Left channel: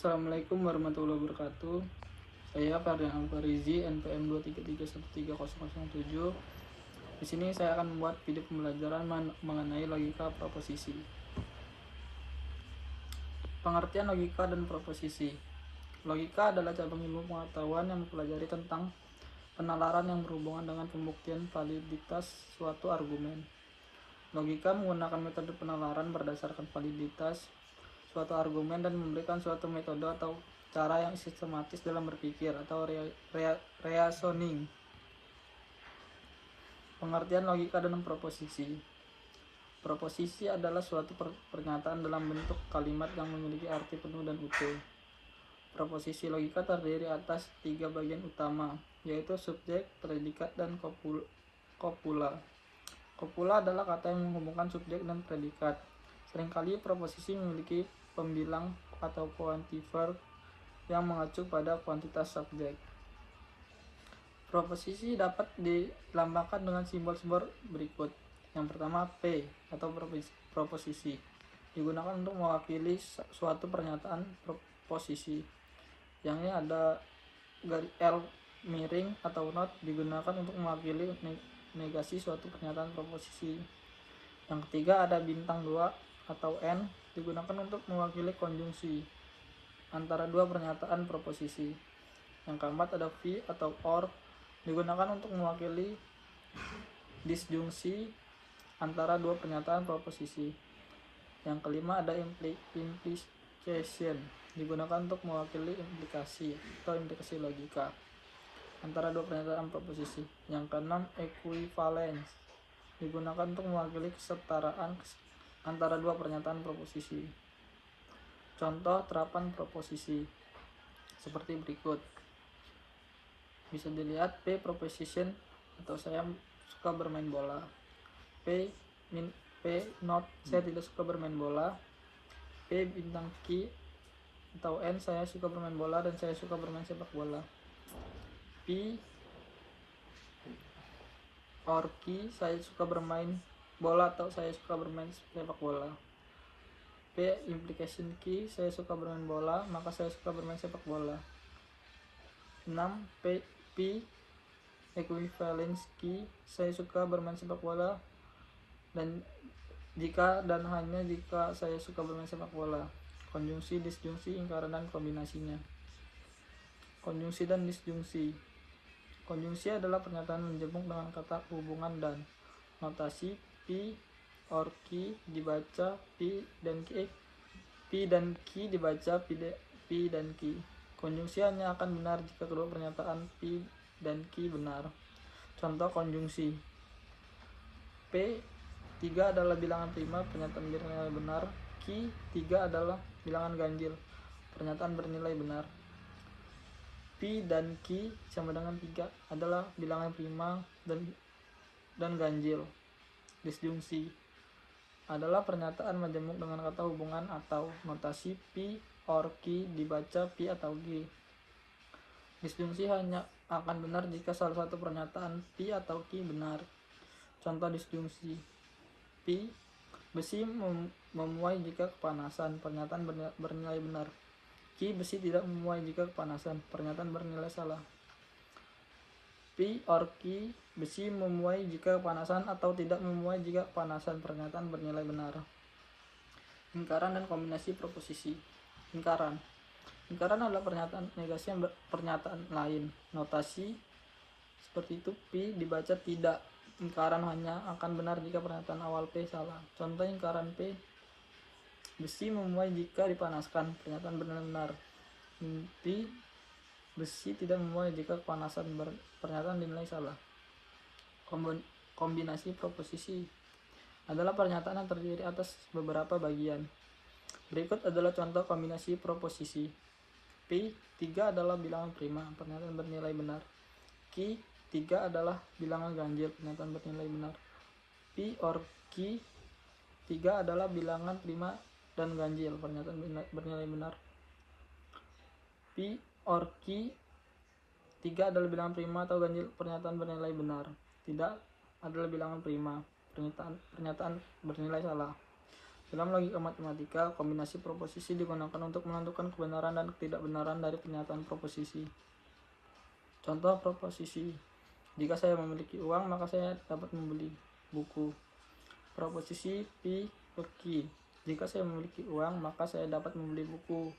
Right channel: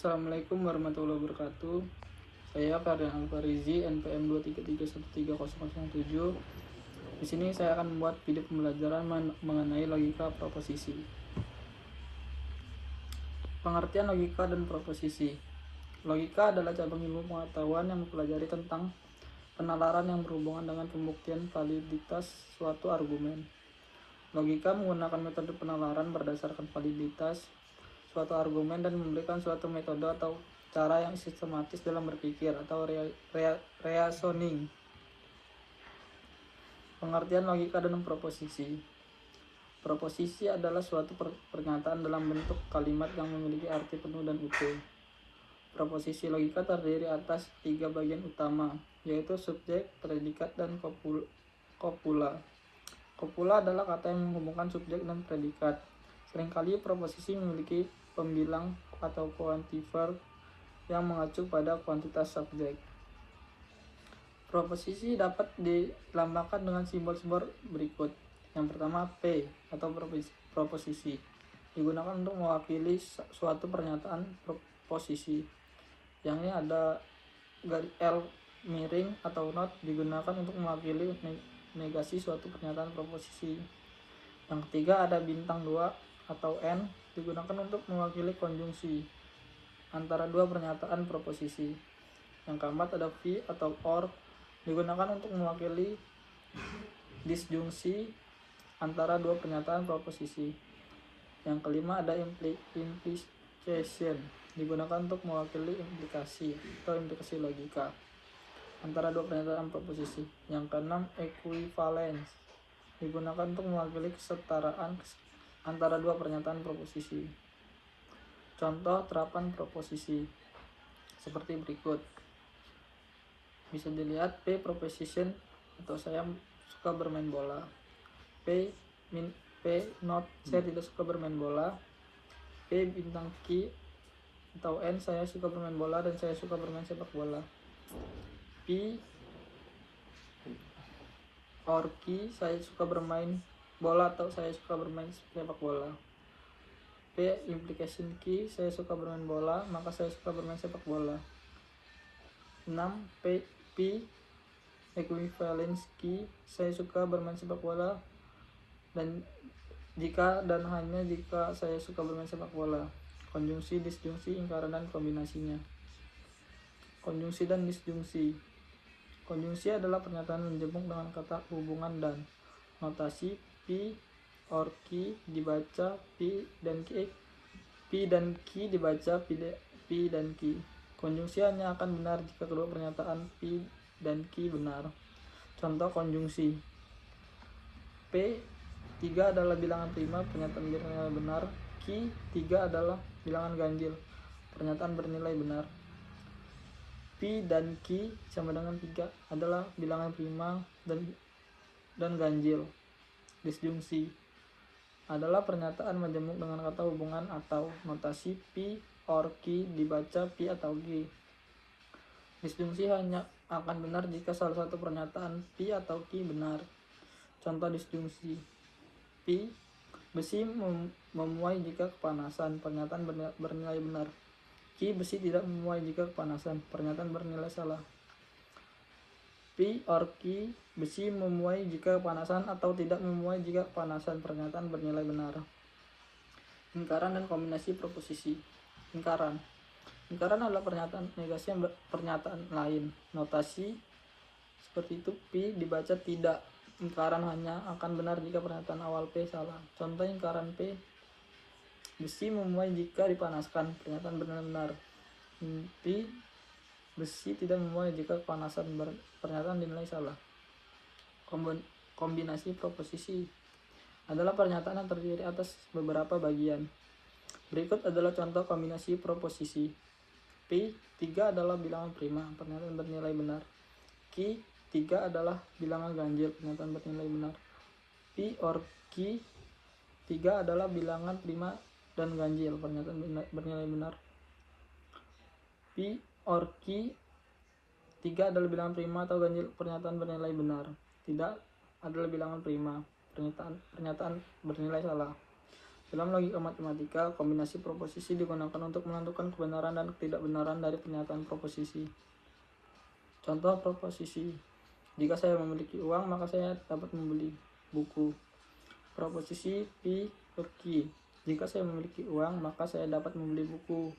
Assalamualaikum warahmatullahi wabarakatuh. Saya Fardan Alfarizi, NPM 233130007. Di sini saya akan membuat video pembelajaran mengenai logika proposisi. Pengertian logika dan proposisi. Logika adalah cabang ilmu pengetahuan yang mempelajari tentang penalaran yang berhubungan dengan pembuktian validitas suatu argumen. Logika menggunakan metode penalaran berdasarkan validitas suatu argumen dan memberikan suatu metode atau cara yang sistematis dalam berpikir atau reasoning. Pengertian logika dan proposisi. Proposisi adalah suatu pernyataan dalam bentuk kalimat yang memiliki arti penuh dan utuh. Proposisi logika terdiri atas 3 bagian utama, yaitu subjek, predikat, dan kopula. Kopula adalah kata yang menghubungkan subjek dan predikat. Seringkali proposisi memiliki pembilang atau quantifier yang mengacu pada kuantitas subjek. Proposisi dapat dilambangkan dengan simbol-simbol berikut. Yang pertama, P atau proposisi digunakan untuk mewakili suatu pernyataan proposisi. Yang ini ada garis L miring atau not digunakan untuk mewakili negasi suatu pernyataan proposisi. Yang ketiga ada bintang 2 atau N digunakan untuk mewakili konjungsi antara dua pernyataan proposisi. Yang keempat ada V atau OR digunakan untuk mewakili disjungsi antara dua pernyataan proposisi. Yang kelima ada implication digunakan untuk mewakili implikasi atau implikasi logika antara dua pernyataan proposisi. Yang keenam equivalence digunakan untuk mewakili kesetaraan antara dua pernyataan proposisi. Contoh terapan proposisi seperti berikut. Bisa dilihat P proposition atau saya suka bermain bola. P not saya tidak suka bermain bola. P bintang Q atau N saya suka bermain bola dan saya suka bermain sepak bola. P or Q saya suka bermain bola atau saya suka bermain sepak bola. P implication Q saya suka bermain bola maka saya suka bermain sepak bola. 6. P equivalence Q saya suka bermain sepak bola dan jika dan hanya jika saya suka bermain sepak bola. Konjungsi, disjungsi, ingkaran dan kombinasinya. Konjungsi dan disjungsi. Konjungsi adalah pernyataan menjemuk dengan kata hubungan dan notasi P or Q dibaca P dan Q dibaca P dan Q. Konjungsi hanya akan benar jika kedua pernyataan P dan Q benar. Contoh konjungsi. P 3 adalah bilangan prima, pernyataan bernilai benar. Q 3 adalah bilangan ganjil, pernyataan bernilai benar. P dan Q sama dengan 3 adalah bilangan prima dan ganjil. Disjungsi adalah pernyataan majemuk dengan kata hubungan atau notasi P or Q dibaca P atau G. Disjungsi hanya akan benar jika salah satu pernyataan P atau Q benar. Contoh disjungsi. P besi memuai jika kepanasan, pernyataan bernilai benar. Q besi tidak memuai jika kepanasan, pernyataan bernilai salah. P or Q besi memuai jika kepanasan atau tidak memuai jika kepanasan, pernyataan bernilai benar. Ingkaran dan kombinasi proposisi. Ingkaran adalah pernyataan negasi yang pernyataan lain. Notasi seperti itu P dibaca tidak. Ingkaran hanya akan benar jika pernyataan awal P salah. Contoh ingkaran P besi memuai jika dipanaskan, pernyataan bernilai benar. P besi tidak memuai jika kepanasan, pernyataan dinilai salah. Kombinasi proposisi adalah pernyataan yang terdiri atas beberapa bagian. Berikut adalah contoh kombinasi proposisi. P 3 adalah bilangan prima, pernyataan bernilai benar. Q 3 adalah bilangan ganjil, pernyataan bernilai benar. P or Q 3 adalah bilangan prima dan ganjil, pernyataan bernilai benar. P or Q 3 adalah bilangan prima atau ganjil, pernyataan bernilai benar. Tidak adalah bilangan prima, pernyataan bernilai salah. Dalam logika matematika, kombinasi proposisi digunakan untuk menentukan kebenaran dan ketidakbenaran dari pernyataan proposisi. Contoh proposisi: jika saya memiliki uang, maka saya dapat membeli buku. Proposisi P ke Q: jika saya memiliki uang, maka saya dapat membeli buku.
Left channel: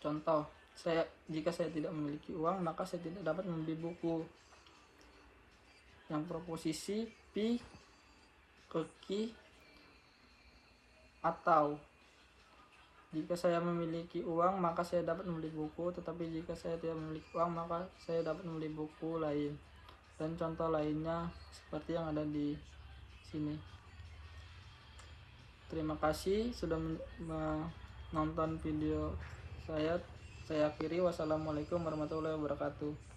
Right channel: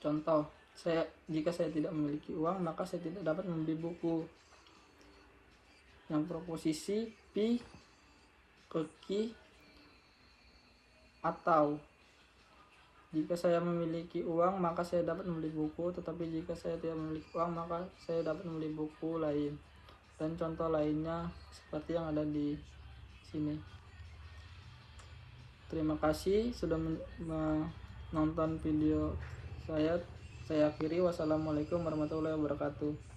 Contoh: jika saya tidak memiliki uang, maka saya tidak dapat membeli buku. Yang proposisi P ke Q: atau jika saya memiliki uang, maka saya dapat membeli buku, tetapi jika saya tidak memiliki uang, maka saya dapat membeli buku lain. Dan contoh lainnya seperti yang ada di sini. Terima kasih sudah menonton video saya. Saya akhiri. Wassalamualaikum warahmatullahi wabarakatuh.